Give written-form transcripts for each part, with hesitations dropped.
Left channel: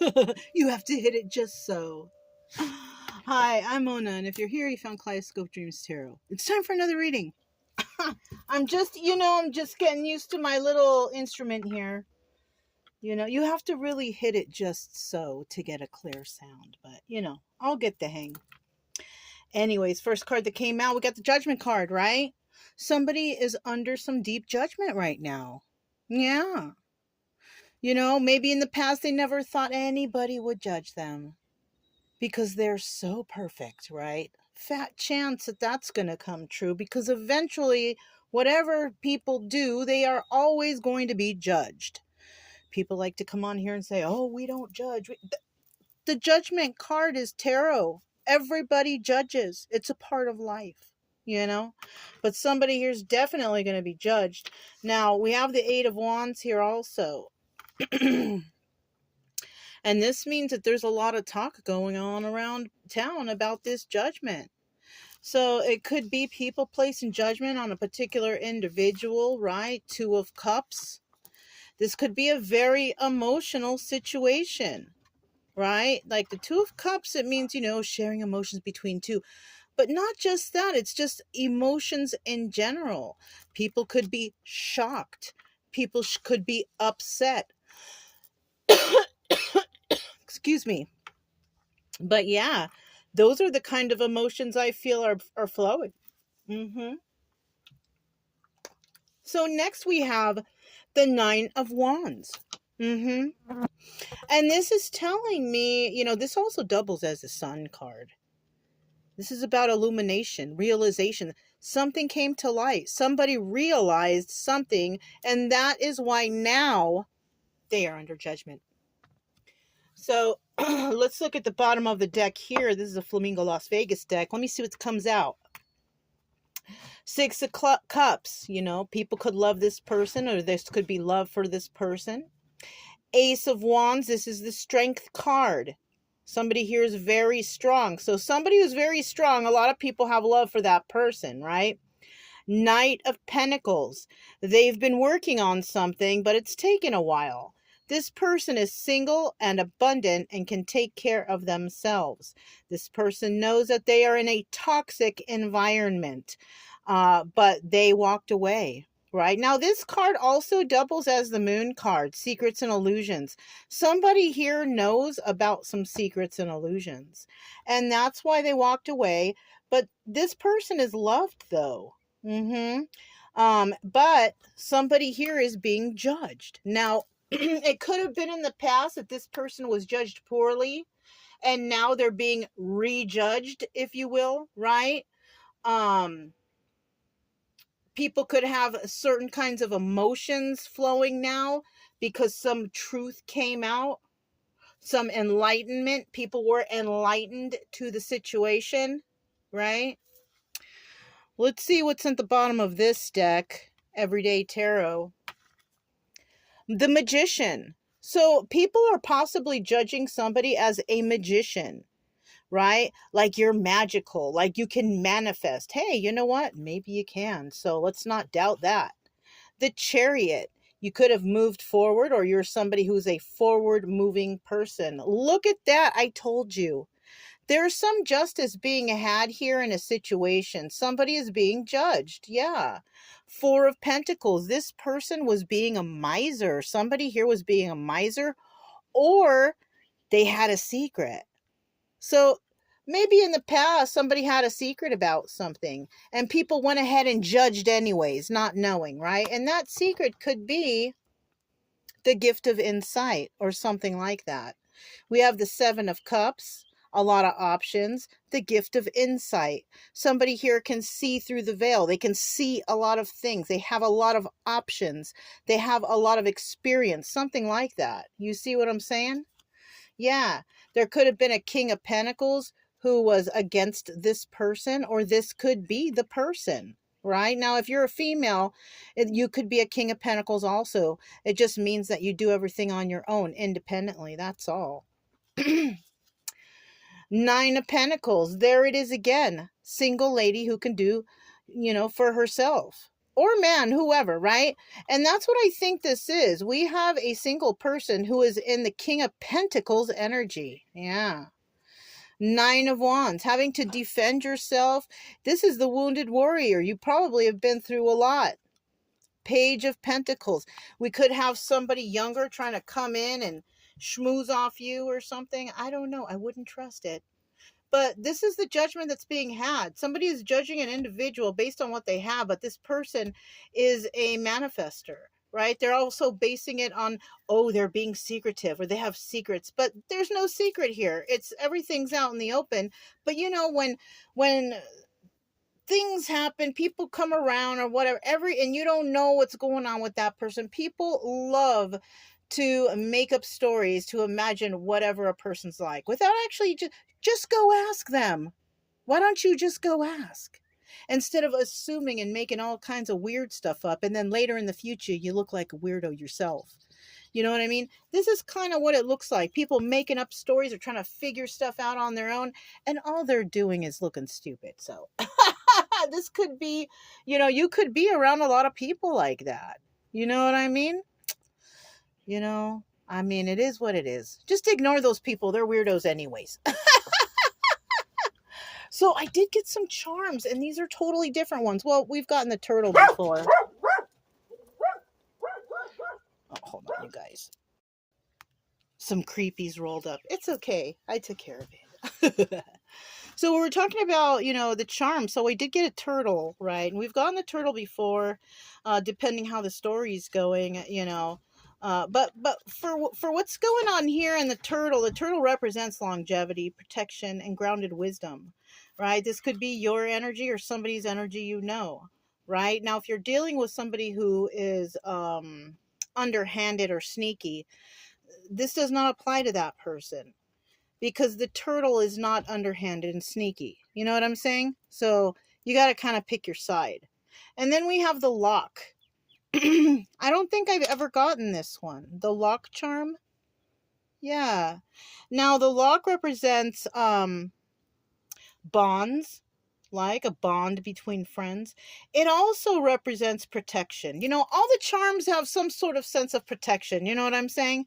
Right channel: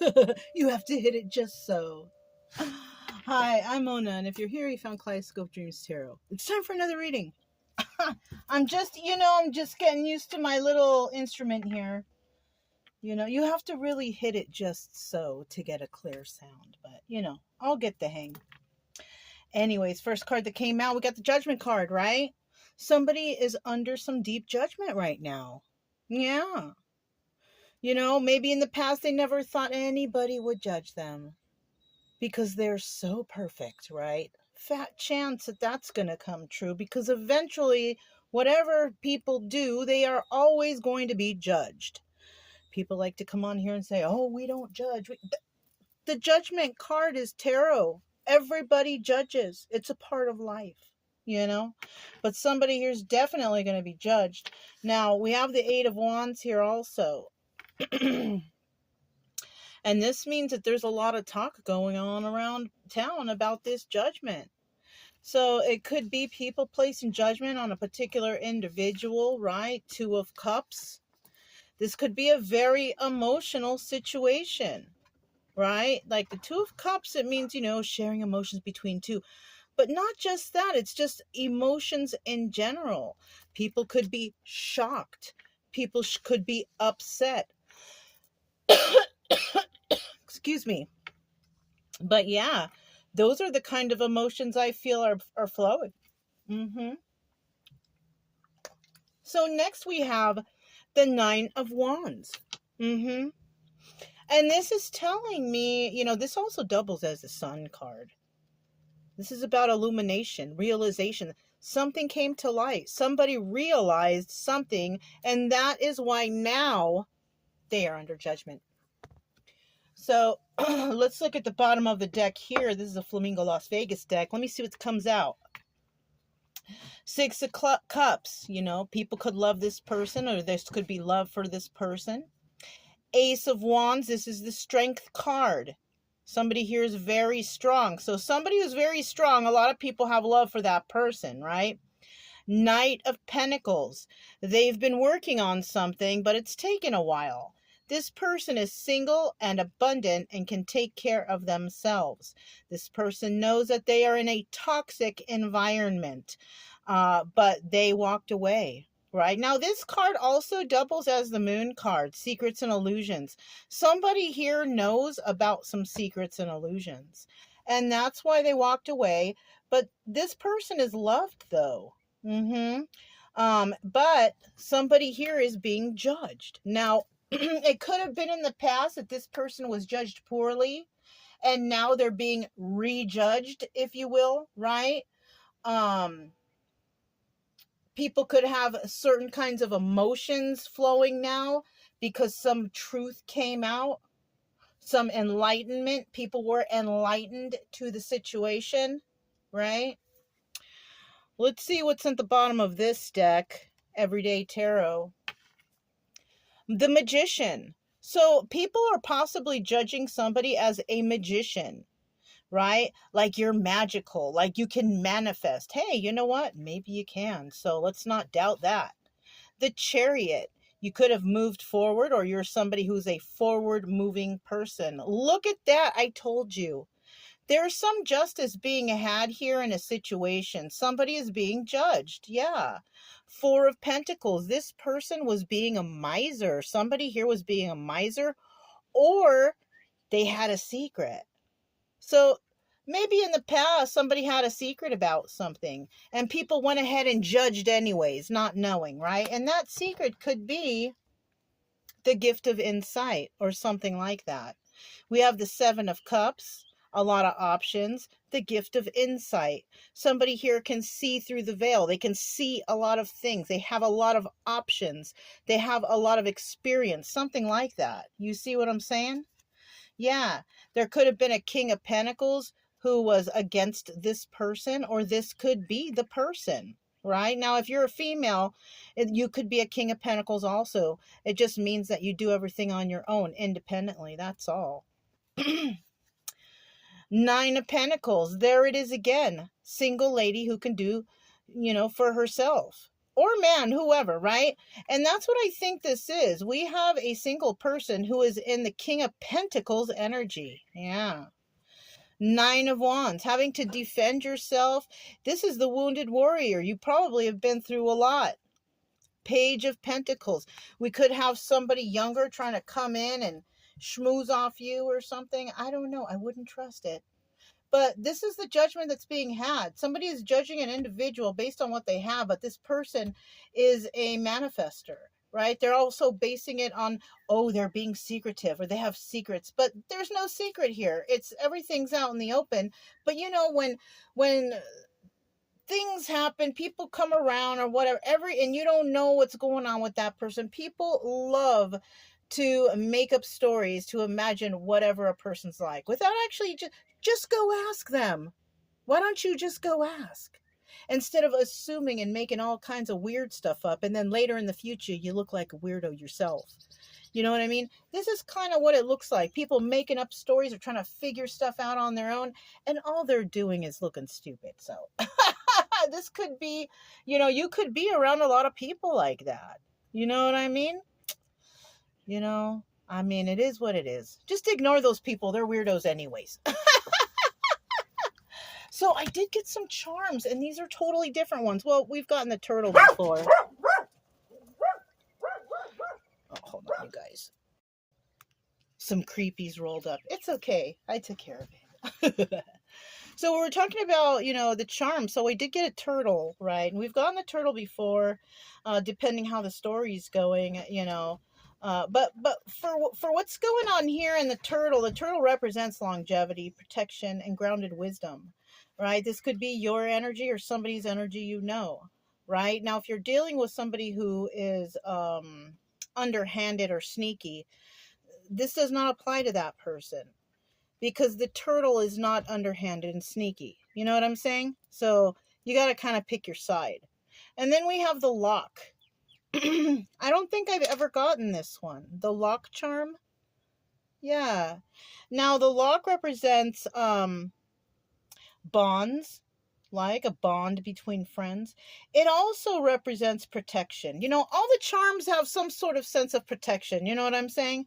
You have to hit it just so. Hi, I'm Mona, and if you're here, you found Kaleidoscope Dreams Tarot. It's time for another reading. I'm just getting used to my little instrument here. You have to really hit it just so to get a clear sound, but I'll get the hang. Anyways, first card that came out, we got the Judgment card, right? Somebody is under some deep judgment right now. Yeah. Maybe in the past they never thought anybody would judge them because they're so perfect, right? Fat chance that that's going to come true because eventually, whatever people do, they are always going to be judged. People like to come on here and say, oh, we don't judge. The Judgment card is tarot. Everybody judges. It's a part of life. But somebody here's definitely going to be judged. Now, we have the Eight of Wands here also. And this means that there's a lot of talk going on around town about this judgment. So it could be people placing judgment on a particular individual, right? Two of Cups. This could be a very emotional situation, right? Like the Two of Cups, it means, sharing emotions between two. But not just that, it's just emotions in general. People could be shocked. People could be upset. Excuse me. But yeah, those are the kind of emotions I feel are flowing. So next we have the Nine of Wands. And this is telling me, this also doubles as a Sun card. This is about illumination, realization. Something came to light. Somebody realized something, and that is why now they are under judgment. So let's look at the bottom of the deck here. This is a Flamingo Las Vegas deck. Let me see what comes out. Six of Cups. People could love this person, or this could be love for this person. Ace of Wands. This is the Strength card. Somebody here is very strong. So somebody who's very strong, a lot of people have love for that person, right? Knight of Pentacles. They've been working on something, but it's taken a while. This person is single and abundant and can take care of themselves. This person knows that they are in a toxic environment, but they walked away. Right now, this card also doubles as the Moon card, secrets and illusions. Somebody here knows about some secrets and illusions, and that's why they walked away. But this person is loved, though. But somebody here is being judged. Now, it could have been in the past that this person was judged poorly, and now they're being rejudged, if you will, right? People could have certain kinds of emotions flowing now because some truth came out, some enlightenment. People were enlightened to the situation, right? Let's see what's at the bottom of this deck, Everyday Tarot. The Magician. So people are possibly judging somebody as a magician, right? Like you're magical, like you can manifest. Hey, you know what? Maybe you can. So let's not doubt that. The Chariot. You could have moved forward, or you're somebody who's a forward moving person. Look at that. I told you. There's some justice being had here in a situation. Somebody is being judged. Yeah. Four of Pentacles. This person was being a miser. Somebody here was being a miser, or they had a secret. So maybe in the past, somebody had a secret about something and people went ahead and judged anyways, not knowing, right? And that secret could be the gift of insight or something like that. We have the Seven of Cups, a lot of options, the gift of insight. Somebody here can see through the veil. They can see a lot of things. They have a lot of options. They have a lot of experience, something like that. You see what I'm saying? Yeah, there could have been a King of Pentacles who was against this person, or this could be the person, right? Now, if you're a female, you could be a King of Pentacles also. It just means that you do everything on your own, independently. That's all. Nine of Pentacles. There it is again. Single lady who can do, for herself. or man, whoever, right? And that's what I think this is. We have a single person who is in the King of Pentacles energy. Yeah. Nine of Wands, having to defend yourself. This is the wounded warrior. You probably have been through a lot. Page of Pentacles. We could have somebody younger trying to come in and schmooze off you or something. I don't know. I wouldn't trust it. But this is the judgment that's being had. Somebody is judging an individual based on what they have, but this person is a manifester, right? They're also basing it on, oh, they're being secretive or they have secrets, but there's no secret here. It's everything's out in the open. But you know, when things happen, people come around or whatever, and you don't know what's going on with that person. People love to make up stories to imagine whatever a person's like without actually just go ask them. Why don't you just go ask? Instead of assuming and making all kinds of weird stuff up, and then later in the future, you look like a weirdo yourself. You know what I mean? This is kind of what it looks like. People making up stories or trying to figure stuff out on their own, and all they're doing is looking stupid. So this could be, you could be around a lot of people like that. You know what I mean? It is what it is. Just ignore those people. They're weirdos anyways. So I did get some charms, and these are totally different ones. Well, we've gotten the turtle before. Oh, hold on, you guys. Some creepies rolled up. It's okay. I took care of it. So we were talking about, the charm. So we did get a turtle, right? And we've gotten the turtle before, depending how the story's going, but for what's going on here in the turtle represents longevity, protection, and grounded wisdom, right? This could be your energy or somebody's energy, right? Now, if you're dealing with somebody who is underhanded or sneaky, this does not apply to that person, because the turtle is not underhanded and sneaky. You know what I'm saying? So you got to kind of pick your side. And then we have the lock. I don't think I've ever gotten this one. The lock charm. Yeah. Now the lock represents bonds, like a bond between friends. It also represents protection. All the charms have some sort of sense of protection. You know what I'm saying?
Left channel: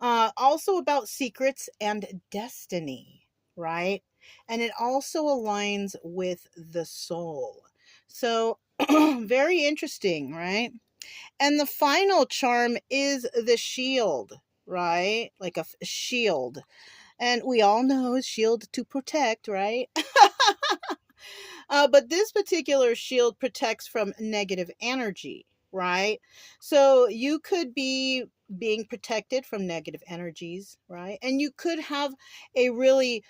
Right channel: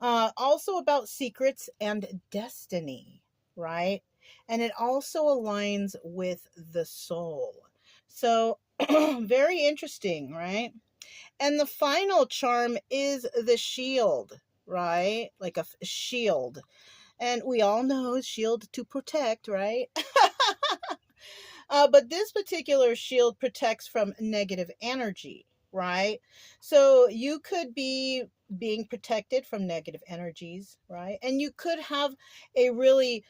Also about secrets and destiny, right? And it also aligns with the soul. So very interesting, right? And the final charm is the shield, right? Like a shield. And we all know shield to protect, right? But this particular shield protects from negative energy, right? So you could be being protected from negative energies, right? And you could have a really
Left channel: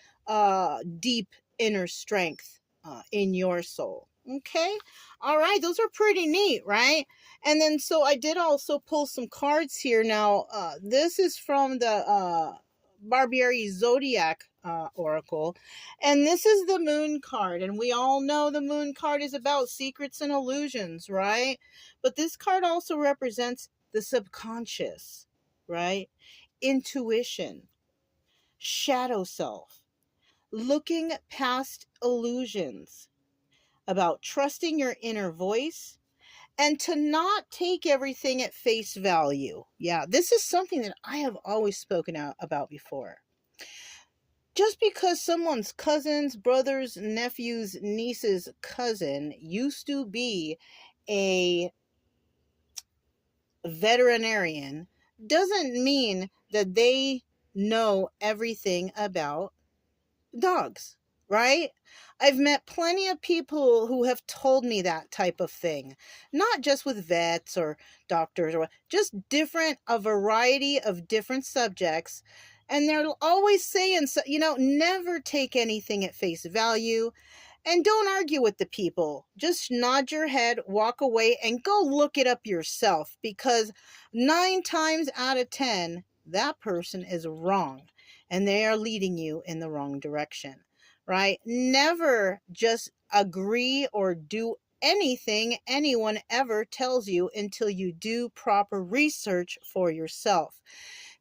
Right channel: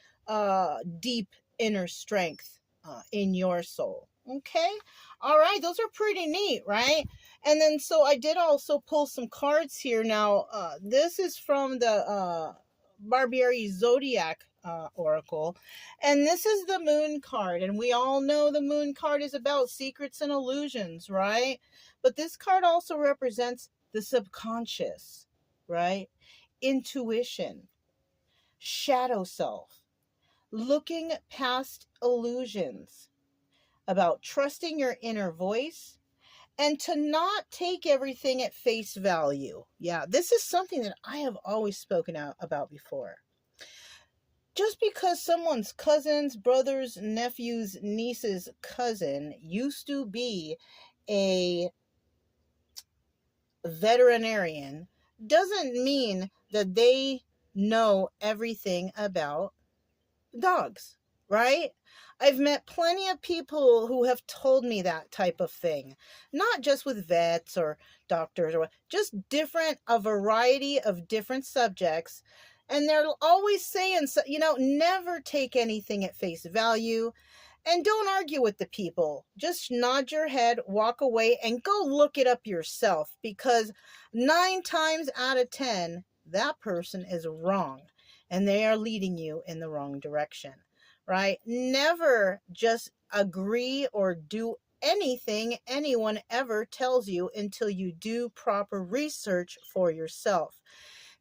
deep inner strength in your soul. Okay. All right. Those are pretty neat, right? And then, so I did also pull some cards here. Now, this is from the Barbieri Zodiac Oracle. And this is the Moon card. And we all know the Moon card is about secrets and illusions, right? But this card also represents the subconscious, right? Intuition, shadow self, looking past illusions, about trusting your inner voice, and to not take everything at face value. Yeah, this is something that I have always spoken out about before. Just because someone's cousin's brother's nephew's niece's cousin used to be a veterinarian doesn't mean that they know everything about dogs, right? I've met plenty of people who have told me that type of thing, not just with vets or doctors, or just a variety of different subjects. And they're always saying, never take anything at face value, and don't argue with the people. Just nod your head, walk away, and go look it up yourself, because 9 times out of 10, that person is wrong. And they are leading you in the wrong direction, right? Never just agree or do anything anyone ever tells you until you do proper research for yourself.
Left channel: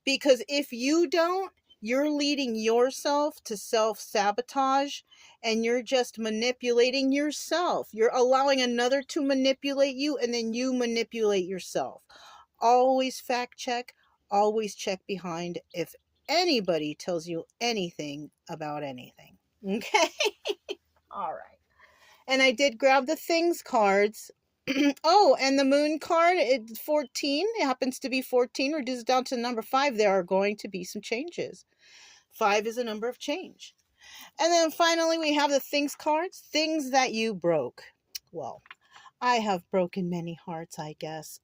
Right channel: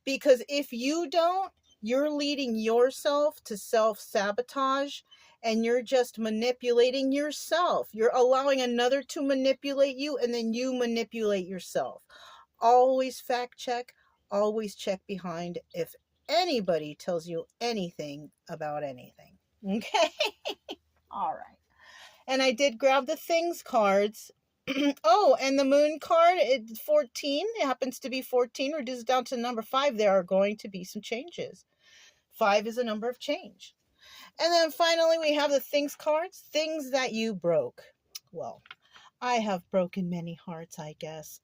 Because if you don't, you're leading yourself to self-sabotage, and you're just manipulating yourself. You're allowing another to manipulate you, and then you manipulate yourself. Always fact check, always check behind if anybody tells you anything about anything. Okay? All right. And I did grab the things cards. Oh, and the moon card, 14. It happens to be 14, reduces down to number 5. There are going to be some changes. 5 is a number of change. And then finally, we have the things cards, things that you broke. Well, I have broken many hearts, I guess.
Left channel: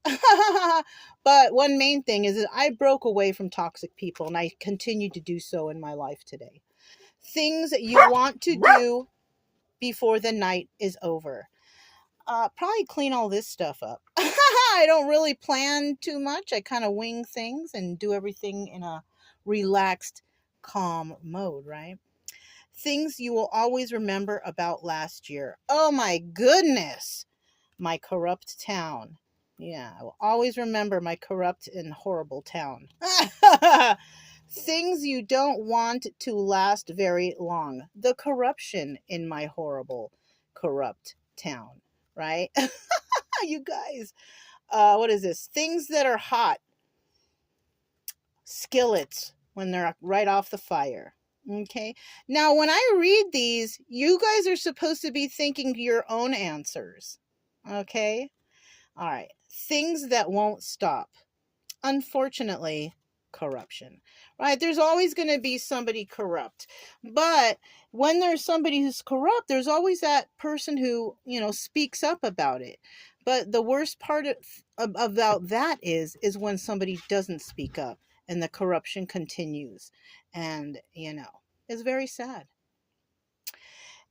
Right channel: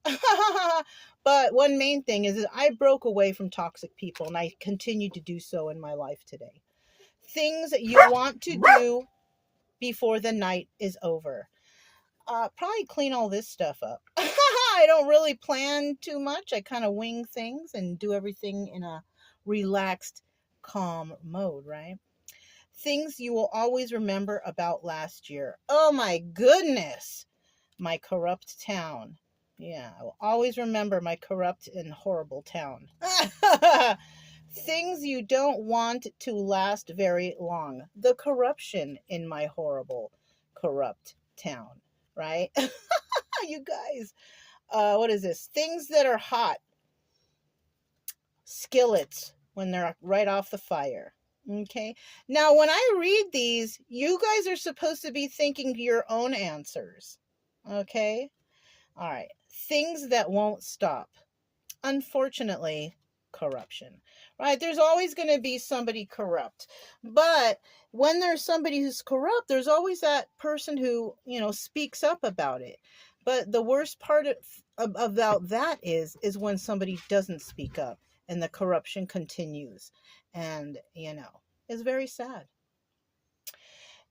But one main thing is that I broke away from toxic people, and I continue to do so in my life today. Things that you want to do before the night is over. Probably clean all this stuff up. I don't really plan too much. I kind of wing things and do everything in a relaxed, calm mode, right? Things you will always remember about last year. Oh my goodness. My corrupt town. Yeah, I will always remember my corrupt and horrible town. Things you don't want to last very long. The corruption in my horrible, corrupt town, right? You guys, what is this? Things that are hot. Skillets when they're right off the fire. Okay. Now, when I read these, you guys are supposed to be thinking your own answers. Okay. All right. Things that won't stop. Unfortunately, corruption, right? There's always going to be somebody corrupt. But when there's somebody who's corrupt, there's always that person who, speaks up about it. But the worst part about that is when somebody doesn't speak up and the corruption continues. And, it's very sad.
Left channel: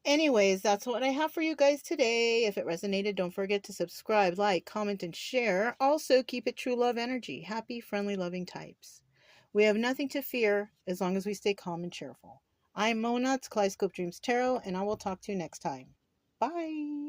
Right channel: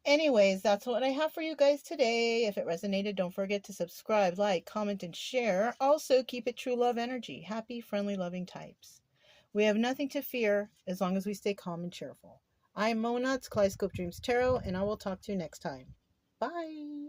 Anyways, that's what I have for you guys today. If it resonated, don't forget to subscribe, like, comment, and share. Also, keep it true love energy. Happy, friendly, loving types. We have nothing to fear as long as we stay calm and cheerful. I'm Mona, it's Kaleidoscope Dreams Tarot, and I will talk to you next time. Bye.